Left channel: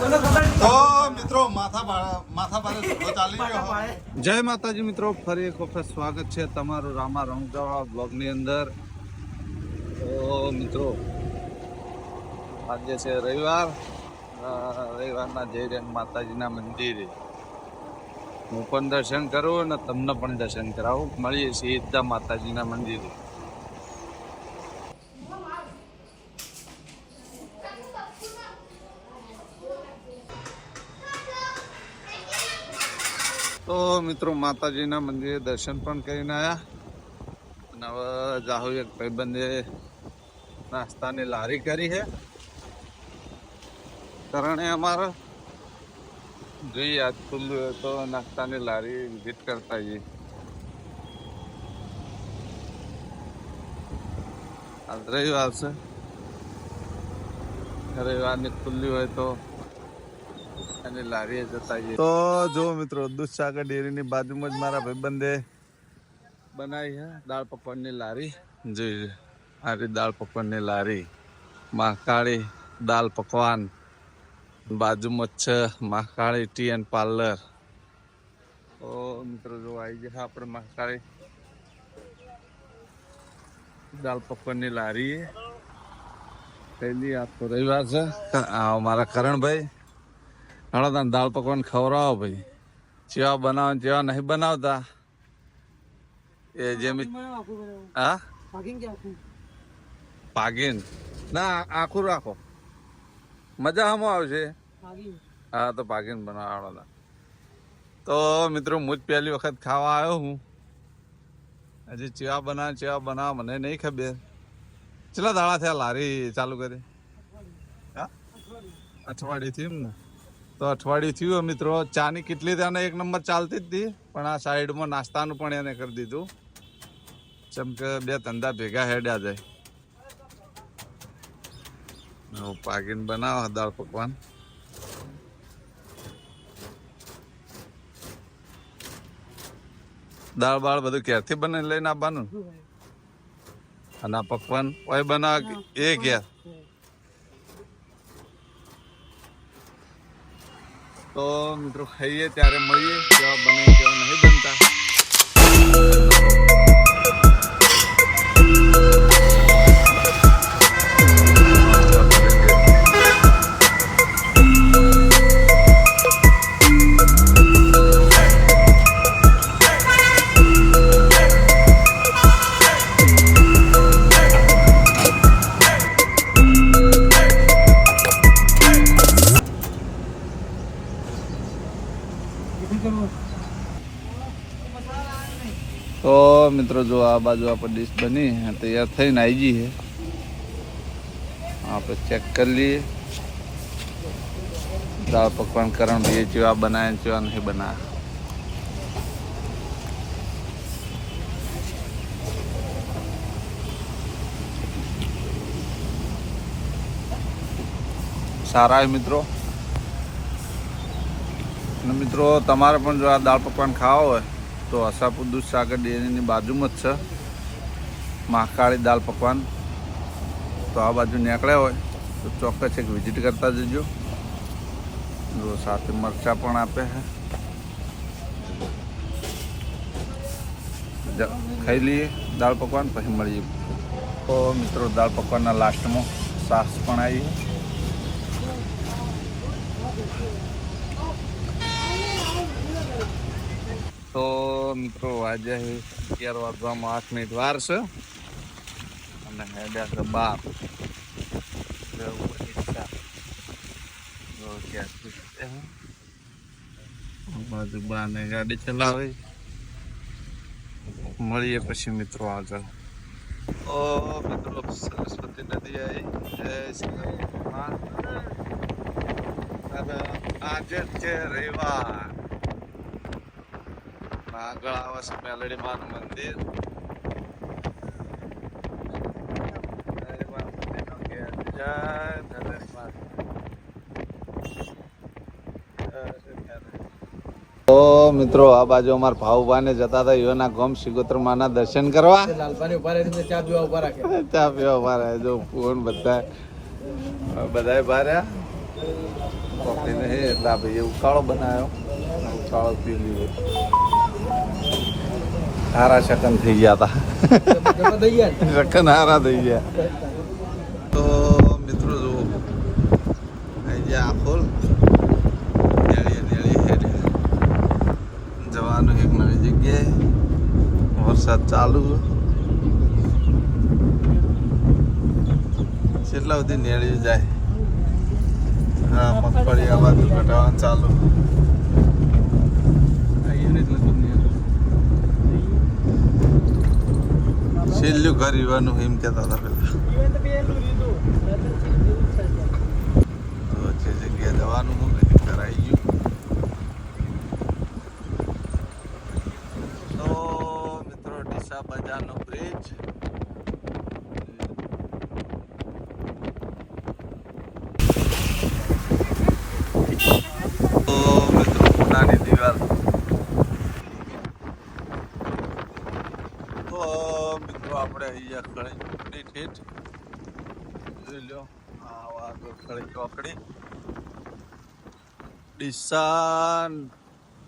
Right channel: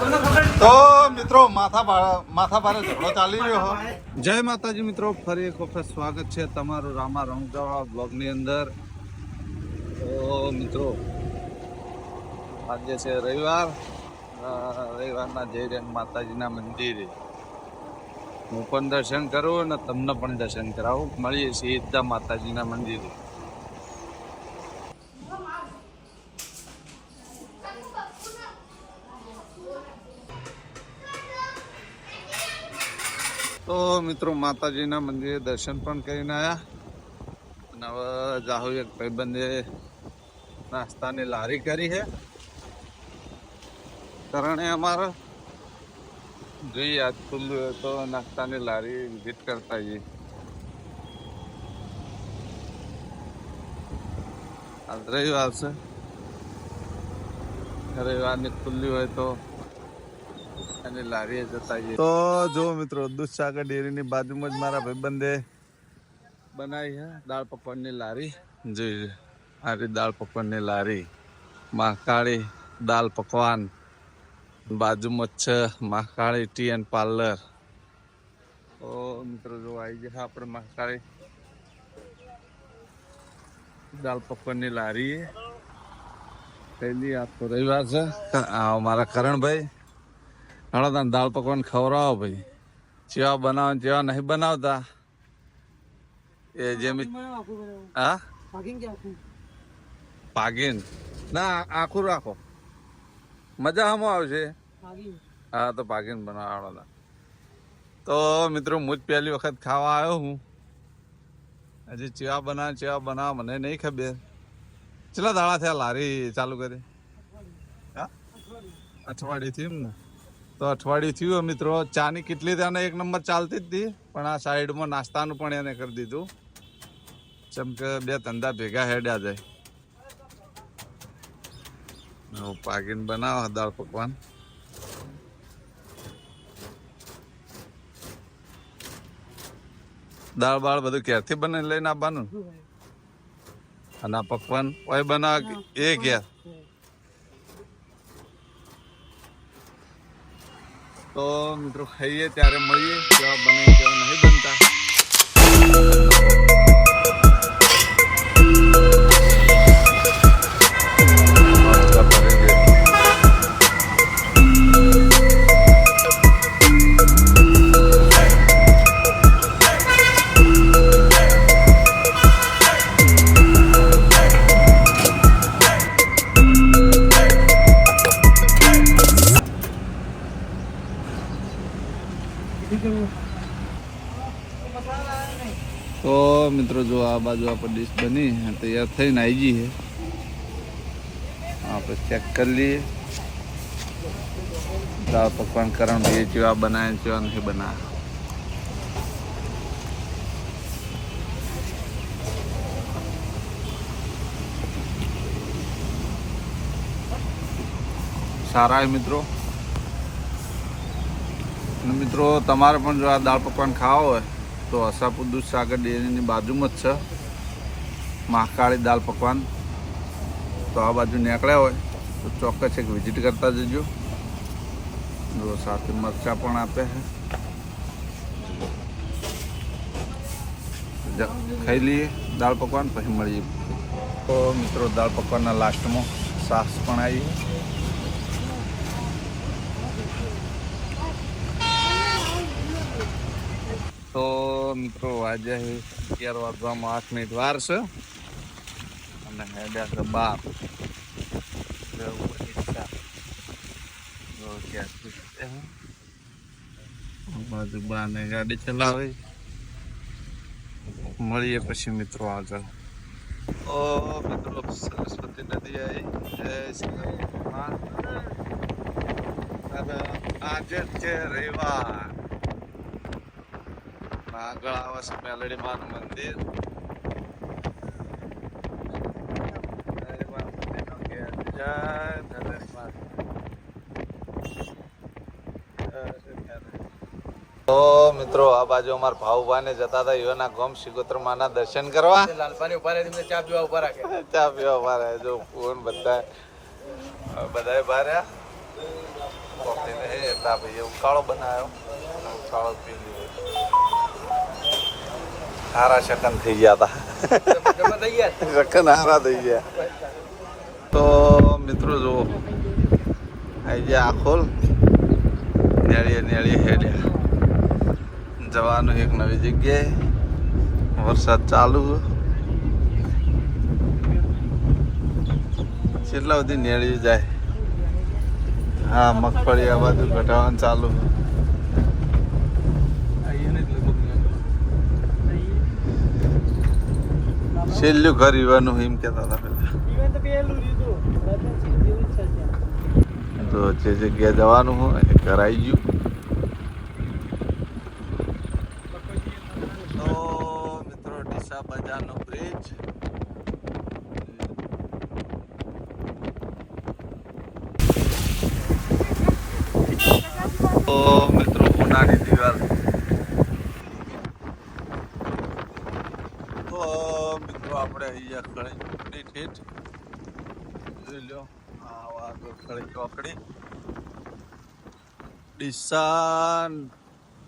તો મિત્રો માથા ભારે ઝઘડો ચાલી રહ્યો. જય માતાજી મિત્રો, ફરી એક વખત સ્વાગત છે તમારું રામા રંગજાવા બ્લોગની અંદર. તો મિત્રો આજે છે રવિવારના જઈ રહ્યા માતાજીના મંદિરે. હું પણ દર્શન કરું અને તમને પણ દર્શન કરાવું. મળીએ સીધા માતાજીના મંદિરે. તો મિત્રો માતાજીના મંદિરે દર્શન પણ કરીને આવ્યા અને હવે જાહુ એક ભાઈબંધે નાસ્તાની લારી કરી છે. કારણે અમારે જોઈએ આજ ખુલ્લું હોય તો નાસ્તાની લારી વિઝિટ કરતા જઈએ. આજ રવિવાર છે, રવિવારની ખુલ્લી હોય તો અને લારીએ જતા જઈએ. તો જો મિત્રો દૂધસાગર ડેરીની બાજુમાં જ મારા ભાઈબંધે બનાવી છે દાળ પકવાનની લારી. જોઈ આ રીતે દાળ પકવાનની લારી, મહાકાળી દાળ પકવાન. બાજુમાં છે મહાકાળી ટી એન્ડ પાર્લર. તો મિત્રો જો આવી ગયા આપણે મહાકાળી દાળ પકવાનની લારી. પહેલી આ તો રવિવાર છે. મારા કરણભાઈ હળો દાળ પકવાન ખવડાવો ભાઈ. ચેવા બનાવો ચેવા નહીં બનાવતા એ જેમ. હા પાગીન ના આખું રાખો, મજા આમાં આવશે. હા તો પાગીન બનાવવા. તો મિત્રો હું જ પહેલી વખત ખાવા આવ્યો હું. હજી ચેવા બનાવ મને નહીં ખબર. કેટલા દાડા થયા લારી ચાલુ કરી? હા અઠવાડિયું થયું ને. તો અઠવાડિયું થયું મિત્રો. ચાની કેટલી ત્યાં એક નંબર ચાલતી જ હતી, પણ આ સાઈડમાં નાસ્તાનું પણ એને કરી દીધું. જેમ કે બે ધંધા ભેગા હેડ્યા જાય. પાકીને બનાવો દાળ પકવાન. દાળ બાળ બધું ક્યારથી બને લઈને આવવાનું. અને આ પકવાન ઓય બનાવ એ ઘેર. તો મિત્રો ખાઈએ ત્યારે મળીએ કેવા બને કેવા નહીં બનતા. તો મિત્રો જો આ બાજુ આપણે ડીશ બની તૈયાર થઈને આવી ગઈ છે. આપણે ચેક કરી લઈએ દાળ પકવાન કરણ ભાઈ ચેવા બનાવે ચેવા નહીં બનાવે. સારા મિત્રો. અને મિત્રો તમારે પણ જો આ દાળ પકવાન ખાવા હોય તો આશાપુર દૂધસાગર ડેરીની બાજુમાં જ છે મહાકાળી દાળ પકવાન. તો આ બાજુ નીકળ્યા હોય તો ચોક્કસ એક વિઝિટ કરતા જજો. જો સાથે મરચાં પણ આપે છે. ખાઈ લઈએ દાળ પકવાન પછી મળીએ. તો મિત્રો દાળ પકવાનના લાસ્ટમાં છાશ પણ આવી. તો મિત્રો આજે 11 વાગવામાં 8 મિનિટ વાર છે અને હેડ્યા છે 12. બાને ગાડી ચલાવે. મળીએ પછી મિત્રો આગળ. ઓ મિત્રો સરસ્વતી નદી આવી. જય શ્રી રામ. આજે છે રવિવાર. આગળ આવે છે મેલડી માનું મંદિર. તો મિત્રો આ બાજુ અમારા ભાઉભાઈને જતા હતા યોના ગોમ સિગોત્ર માના દર્શન કરવા. લાલપાની ઉભા રહે ચા પીવા ઉભા રાખે. ચા પીવા ઉભા રહે. જો ફોન બધા બહાર રહ્યા. કોફી એટલે ભાઈ ઉકાળો બનાવ્યો, ઉકાળો પી લઈએ. હારા શકન થઈ ગયા હતા. તો મિત્રો જો આજે આખોલ નેળી હેડ્યા જવાનું એક નવી જગ્યાએ. વરસાદ ચાલુ કેટલા સુધી નેળી જાય. હા મગફળી આ બાજુ ઘટાડવાનું ચાલુ. છેલ્લું ઘર ઈવાનું એમ કહેતા હતા પેલા. તો જે જગ્યાએ જવાનું હોય ઘર આવી ગયું. તો મિત્રો ડીસા બજારનો બ્રિજ. તો મિત્રો પુનાની દિવાલ. તો મિત્રો આપણે અહીંયા ખળી ચોકડી ઠેઠ જોઈ લો. આ ખળી ચોકડી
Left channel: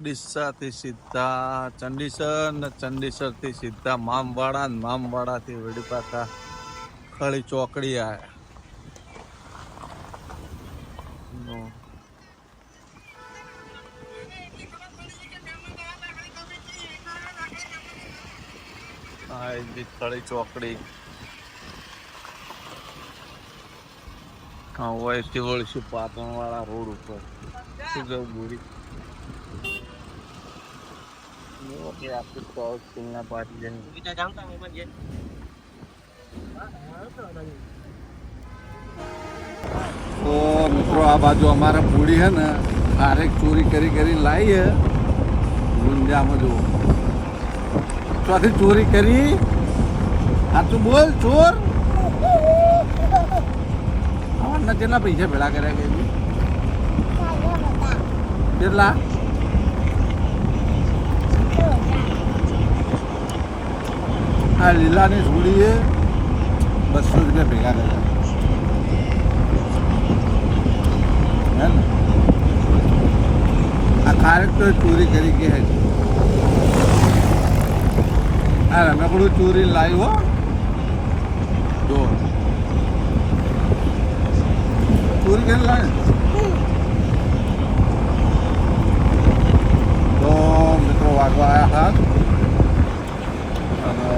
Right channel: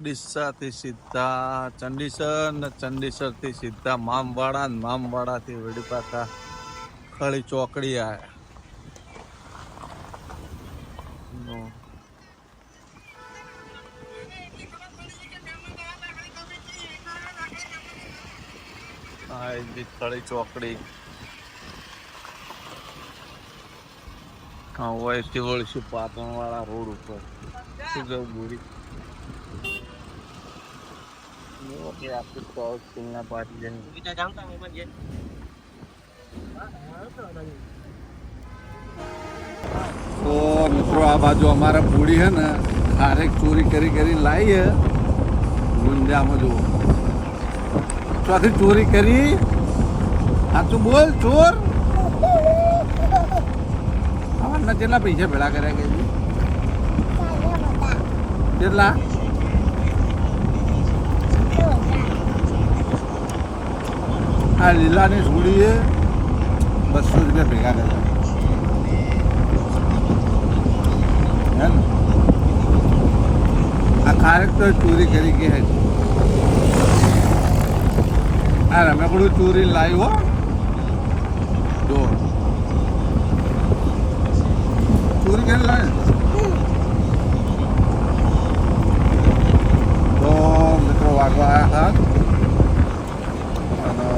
ડીસાથી સીધા ચંડીસર ને ચંડીસરથી સીધા મામવાડા ને મામવાડાથી વડી પાછા ખળી ચોકડી આવ્યા. ખળી ચોકડી વયથી વળશું પાટણ વાળા રોડ ઉપર. શું જવું બોરી તો મિત્રો આ બાજુ અમારા પૂડી હે ને ખારેક ચોરી કરી લાવી હે ગુંજામાં. જુઓ ચોથી ચોરી કરી. સાચું બોલ ચોર. અમારના કેટલા પૈસા ભેળા કર્યા કે કેટલા? આ લીલાની સુડીએ 200 રૂપિયા ભેગા કર્યા હે ને. આ ખારેક તો ચોરી કરી કે હે. આ રમેકડું ચોરી લાવ્યો જો ચોરી કરી લાવે. તો મિત્રો વાગવા આવ્યા હાથ અને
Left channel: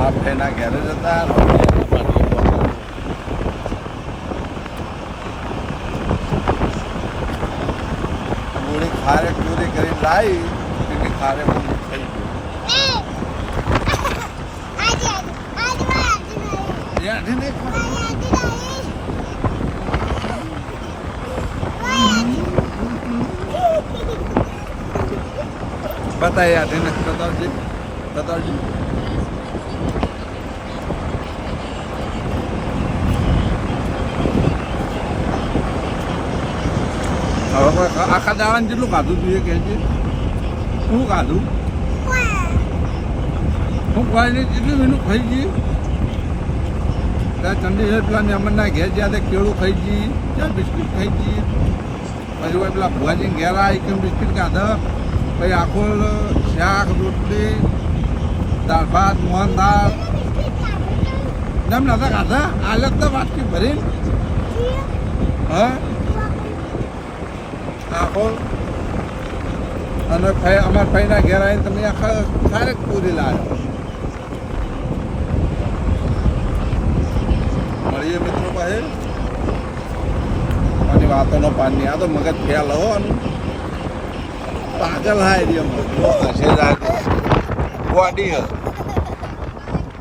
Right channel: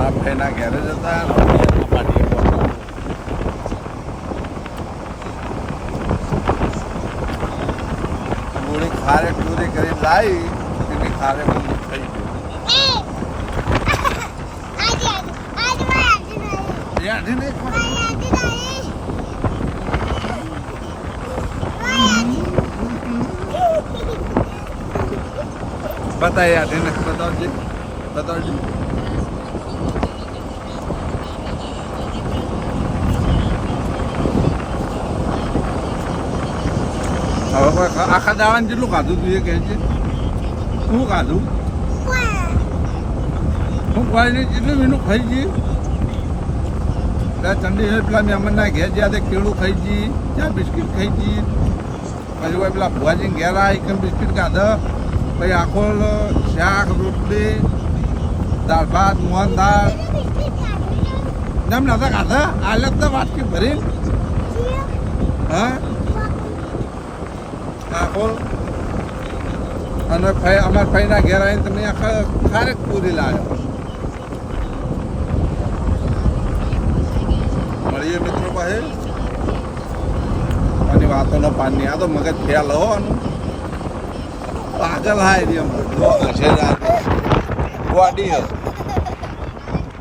આ ભાઈના ઘેરે જતા પૂરી ખારેક ચોરી કરી લાવી એની ખારેક થઈ बताइए आते ना बताओ जी હવે આખા દાડા જેટલું ખાધું તું એ કહેજે. શું ખાધું? હું કોઈ જેટલું એનું ખાઈ ગઈ. ત્યાં ચંડીગઢ પેલા મહેમાનના ઘેર જ્યાં તે કેળું ખાઈ ગઈ, ત્યાં બિસ્કીટ ખાઈ ગઈ. પછી પેલા ભુવાજી ઘેર આવી કેમ બિસ્કીટ ખાધા. પછી આખો શાક રોટલી દાળ ભાત મોહન દાળ એમ નતા ખાધા. હાલત તો વાટકી ભરી હા આખો. અને અમારા ભાઈના ઘેર આવીને તમે આખા ખારેક પૂરી લાવ્યો. મળીએ મિત્રો પાસે આની વાતોનો પાની. આ તો મગજ ફેલ હો પાગલ હા એરિયા ગોડી હ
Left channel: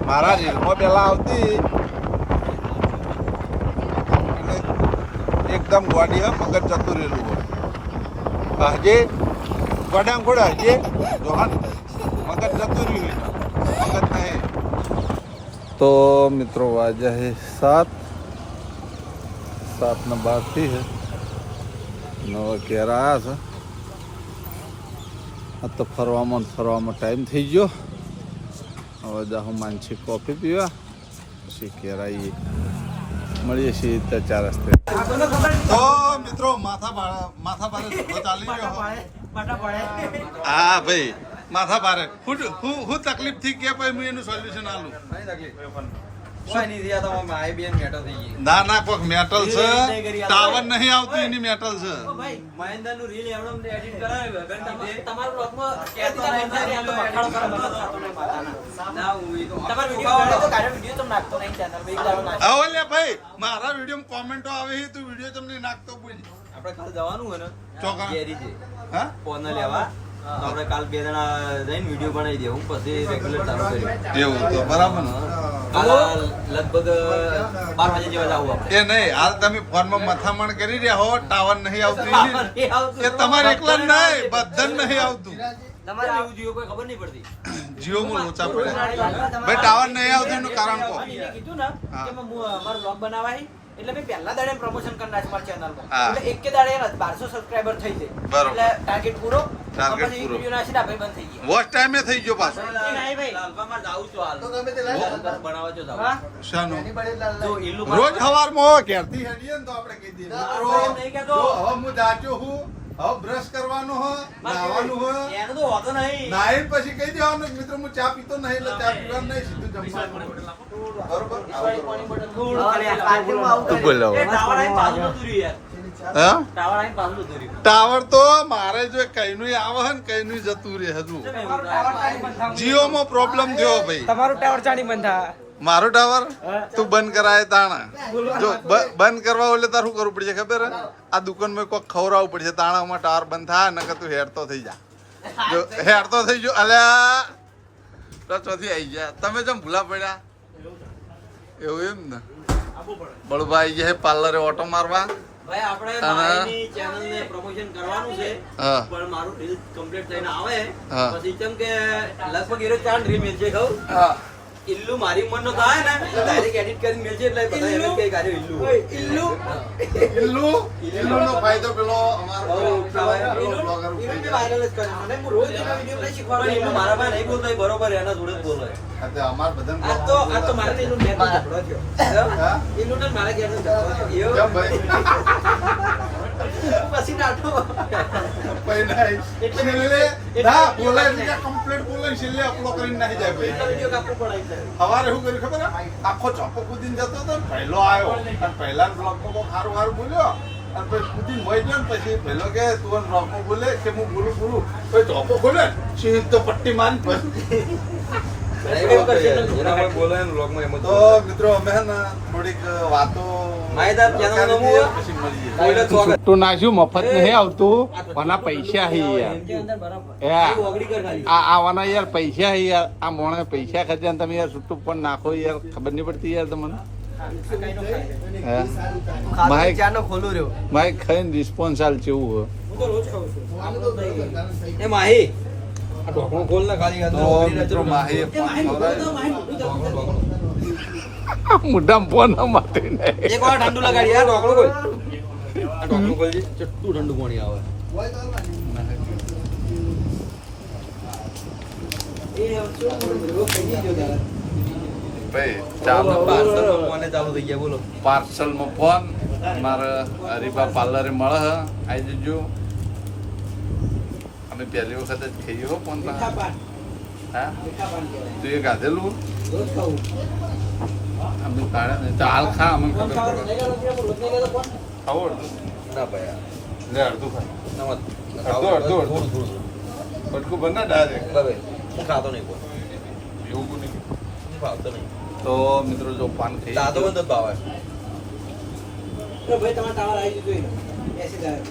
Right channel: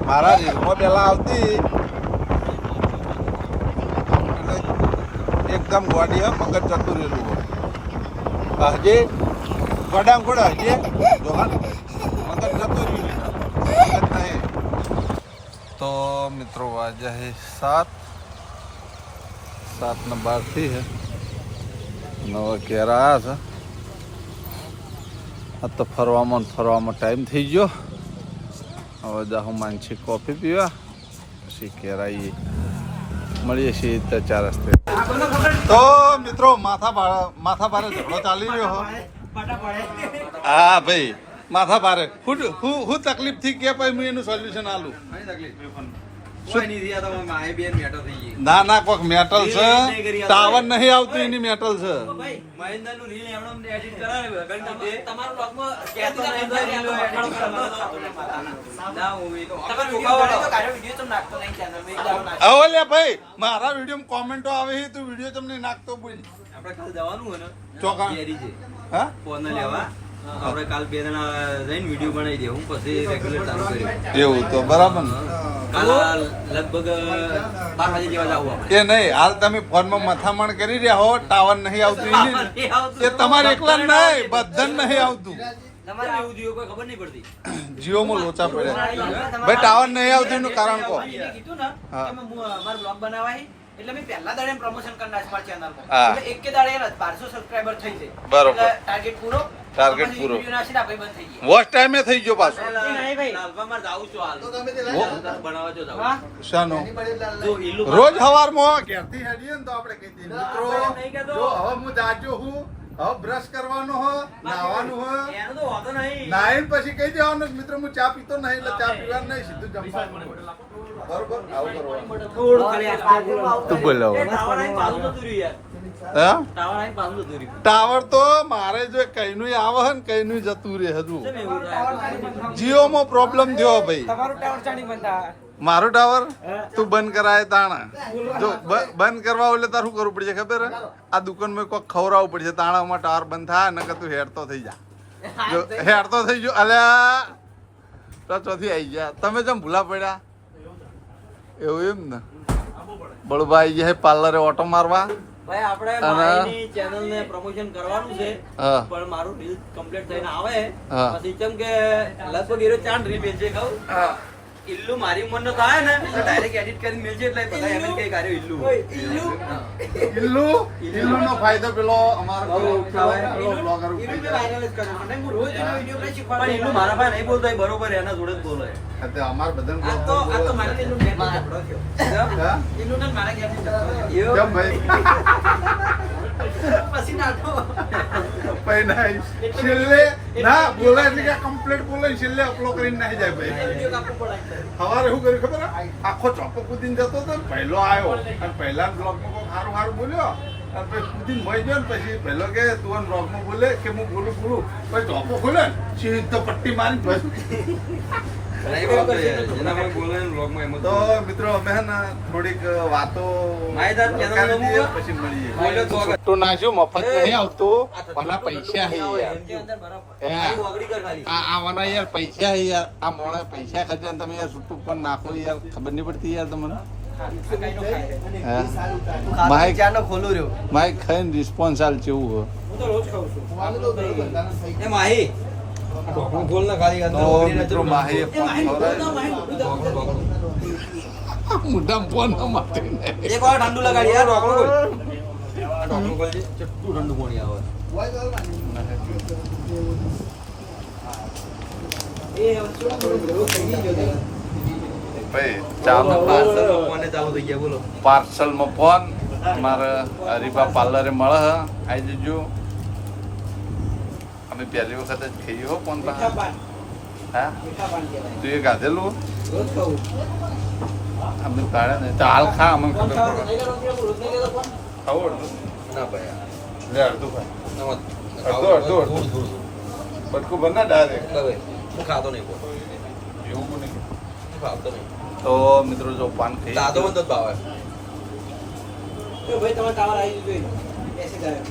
મારા રીલમાં પેલા આવતી એટલે એકદમ ગોડી હ મગજ જતું રહેલું હોય. હજે ગોડામ ખોડે હજે જો મગજ જતું રહ્યું મગજ નહીં. તો મિત્રો વાજે હે 7:12 થી હે 9 ઘેર આવ્યા છે. આ તો ફરવામાં ટાઈમ થઈ ગયો. હવે જાઉં માનસી કોફી પીવા પછી ઘેર આવીએ. મળીએ છીએ 4 રસ્તે. તો મિત્રો માથા ભારે ઝઘડો ચાલી રહ્યો. હા ભાઈ માથા ભારે હું તકલીફ થી કે ભાઈ હું એનું સોલ્યુશન આલું. ના ના કોઈક મેટલ છે, ટાવર નહીં આવતું એની મેટલ છે. હવે ભાઈ મારા વિડીયો કોમેન્ટો આવે છે, તું વિડીયો તમને નાખતો બોલ. આપણે કાલ જવાનું હોય ને ચોકા હા ફોન લેવા આપણે કાલ 2 જણા જઈને વિડીયો બનાવી દે, હું પછી રેગ્યુલર ચાલુ કર્યું. એવું તો બરાબર ને. કાલ લગભગ 12 વાગે જેવા જાવ આપણે. એ નહીં, હાલ તમે ફોનમાં મથામણ કરી રહ્યા હો, ટાવર નહીં આવતું એ તમારે એકલા નહીં, બધાને નહીં આવતું. તમારે એવું જીઓ કોઈ ખબર નહીં પડતી. જીઓમાં લોચા પડે ભાઈ, ટાવર નહીં આવતું એનું કારણ કહો. કીધું ને કે મારો બ્લોગ બનાવાય એટલે મેં પહેલા દાડે પ્રમોશન કરી નાખ્યું મારી ચેનલ પર. હા. એટલે એક કે દાડે 1200 સબસ્ક્રાઇબર થઈ જાય. બરોબર. એટલે ટાર્ગેટ પૂરો. ટાર્ગેટ પૂરો. વિડિયો નાખીને આપણે બંધ થઈ ગયા. વોચ ટાઈમે થઈ ગયો પાછો. નહીં ભાઈ, લાલભામાં જાઉં છું હાલ. બનાવવા જો જાઉં. શાનો? જો ઈલ્લુ રોજ સવારમાં ઘેરથી હેડીએ ને તો આપણે કહી દઈએ મિત્રો જો હવે હું જાજો હું, હવે બ્રશ કરવાનો હો, નાવાનું હો, એનો તો વાંધો નહીં. નાઈને પછી કહી દેવાનું મિત્રો હું ચા પીતો નહીં એટલે ચા પીવાનું નહીં, સીધું જમવાનું. બરોબર આવું કરવાનું. તું બોલાવો. ટાવર આઈને પાછું જતું રહ્યું યાર. હા ટાવર આઈને પાછું જતું રહ્યું. ટાવર તો મારે જો કઈનું આવે હે ને કઈનું જતું રહે હજુ. કેમ એવું થાય? જીઓમાં પ્રોબ્લેમ થયો ભાઈ. તમારું ટાવર ચાની બંધ થાય. મારું ટાવર તું બંધ કરાય તાણા જો બંધ કરવા એટલે તારું કરવું પડશે ખબર હે? આ દુકાનમાં કોઈક ખવડાવવું પડશે તાણામાં ટાવર બંધ થાય નકર તું હેડતો થઈ જા. જો હેડતો થઈ ગયો અલ્યા તો ચોથી આવી ગયા. તમે જેમ ભૂલા પડ્યા એવું એમ ને. બળુભાઈ ગયા પાર્લરે ઓટો મારવા. ભાઈ આપણે અને- મારી ચેનલને પ્રમોશન કરવાનું છે, હા. પણ મારું રીલ કમ્પ્લીટ થઈને આવે હા. પછી જેમ કે લગભગ એરો 4 રીલ મિલશે કહું. હા ઇલ્લુ મારી ઉંમરનો થાય ને એટલે ડાયરેક્ટ એડિટ કરીને મિલશે એટલે બધા એમ જ કહે કે આર્યો ઇલ્લુ. હા. ઇલ્લુનો ફાયદો પેલો અમારો બહુ પેલો ઇલ્લુ બ્લોગર ઇલ્લુ મેં viral જ કર્યો. મને હું રોજ એનો video નહીં શીખવાડું. પણ ઇલ્લુ મારા પાસે નહીં બોલતો, એ બરોબર એના જોડે જ બોલે. અમાર બધાને આ તો મારે ઇલ્લુ ઘેરનો ઝઘડો થયો. હા? ઇલ્લુ ને મારા ઘેરનો ઝઘડો થયો. કેમ ભાઈ પછી નાટો. ભાઈ નહીં છેલ્લે ના બોલે એટલે કે કમ્પ્લીટ બોલે છેલ્લે અપલોડ કરીને નાહી જાય ભાઈ. વિડીયો કાપવું પડે એકદમ. સવારે શું કર્યું ખબર હે? આખો ચોપો કૂદીને જતો હતો ને પહેલો આવ્યો અને પહેલા બ્લોગમાં કોઈ સારું બોલ્યો અને પછી કૂદીને મોઈ ગયો ને પછી પહેલો કે તું બ્લોગમાં બોલે કે હું બોલું પછી ચોપો ખોલે ને સીધો પટ્ટી મારી જેના કોઈ બોલે ને vlogમાં એમ જ તો મિત્રો અમે હે ને થોડીક વાતો માહિતગાર channel નું કરી દઈએ, પછી મળીએ. બોલે સ્વાગત. તું નાખ્યું મફત નહીં આવતું આના પૈસા હી યાર આવાના યાર પૈસા હી યાર આ મોણે પૈસા ખર્ચે ને તમે યાર છૂટું પણ નાખો યાર ખબર નહીં પડતી યાર તમને હા માઇક ખોલું રહ્યો. માઇક ખાઈને રિસ્પોન્સ હાલ કેવું હોય હું તો રોજ ખાઉં છું. એ માહી આ ઢોકણું ખોલ ને ખાલી અંદર તો ઉભરી રહે મિત્રો તો માહી એ માહી મોઢામાં ફોન ન મારતી નહીં. એક વાર ઠંડુ લગાડી યાર ઢોકણું ખોલ. આ ઢોકણું ખોલજે ચટ્ટું ઠંડુ પાણી આવે. એ રોજ થઈ ગયો દાદા. ભાઈ ચાલો પાર્સલ ફોને ચાલુ થઈ ગયા બોલો. પાર્સલમાં ફોન મારે હરીફા પાર્લરે મળે હે આવી જજો. અમે પહેલી વખત જ ખાઈએ હો ફોન પાસે. હા તું એ ગાધેલું રોજ ખાઉં. અમે કાઢે ને તો હાલ ખા અમને ખબર પડે ખાવું અડધું ના ભાઈ લે અડધું ખા નમત અડધું. પટકું બના ડાયરેક્ટ ભાઈ હું ખાતો નહીં કોઈ. એવું નહીં. હું ખાતો નહીં. તો મિત્રો જો પાન ખાઈ દાદો બંધ જ ભાવે. ભાઈ તમારે ટાવર આવી ગયું મેસેજ આવ્યો.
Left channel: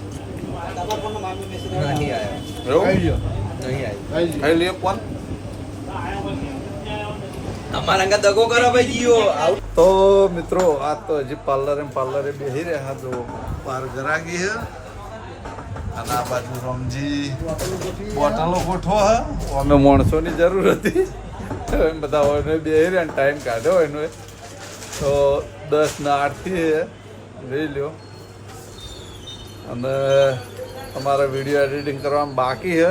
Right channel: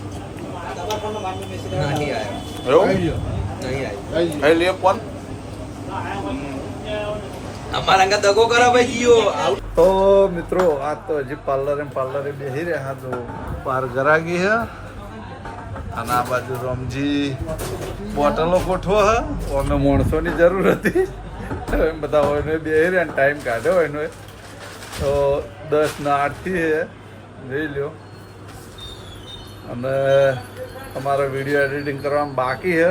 તમારા ફોનમાં મારનો મેસેજ આવ્યો. નહીં આવ્યો. એવું નહીં આવ્યો. ખાઈ લે ફોન. અમારા અંગા દગો કરો ભાઈ જીઓ. તો મિત્રો આ તો હજી પાર્લરે બેસી રહ્યા જો પાર ગરાગી હે અને આ બાજુ રમજી બોટલો ગોઠવો હે અમે માણસોની જરૂર હતી એમ બધા હોય બેસી રહ્યા ટાઈમ કાઢ્યો એનો તો 10:08 થી જોઈ લ્યો અને અમારા વિડીયો એડિટિંગ કરવામાં બાકી છે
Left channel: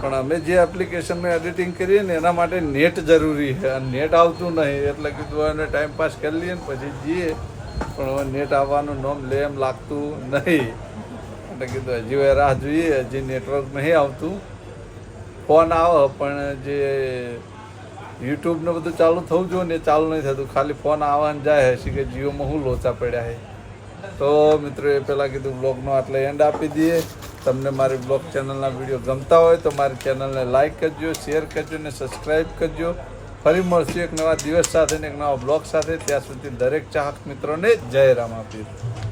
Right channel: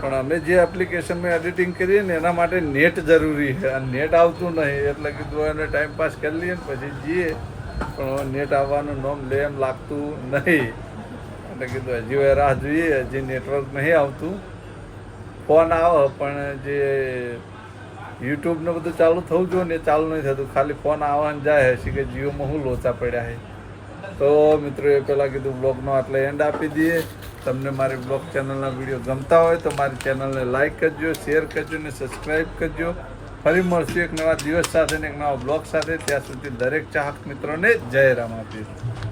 પણ અમે જે એપ્લિકેશનમાં એડિટિંગ કરીએ ને એના માટે નેટ જરૂરી છે અને નેટ આવતું નહીં એટલે કીધું એને ટાઈમ પાસ કરી લઈએ ને પછી જઈએ પણ નેટ આવવાનું નામ લે એમ લાગતું નહીં. એટલે કીધું હજી હવે રાહ જોઈએ, હજી નેટવર્ક નહીં આવતું. ફોન આવે પણ જે યુટ્યુબ ને બધું ચાલુ થવું જોઈએ ને એ ચાલુ નહીં થતું, ખાલી ફોન આવવાનું જાય છે કે જીઓમાં શું લોચા પડ્યા છે. તો મિત્રો એ પહેલાં કીધું બ્લોગનો આટલે એન્ડ આપી દઈએ. તમને મારી બ્લોગ ચેનલના વિડીયો ગમતા હોય તો મારી ચેનલને લાઇક કરજો, શેર કરજો ને સબસ્ક્રાઈબ કરજો. ફરી મળશું એક નવા દિવસ સાથે ને એક નવા બ્લોગ સાથે. ત્યાં સુધી દરેક ચાહક મિત્રોને જય રામ આપીશ.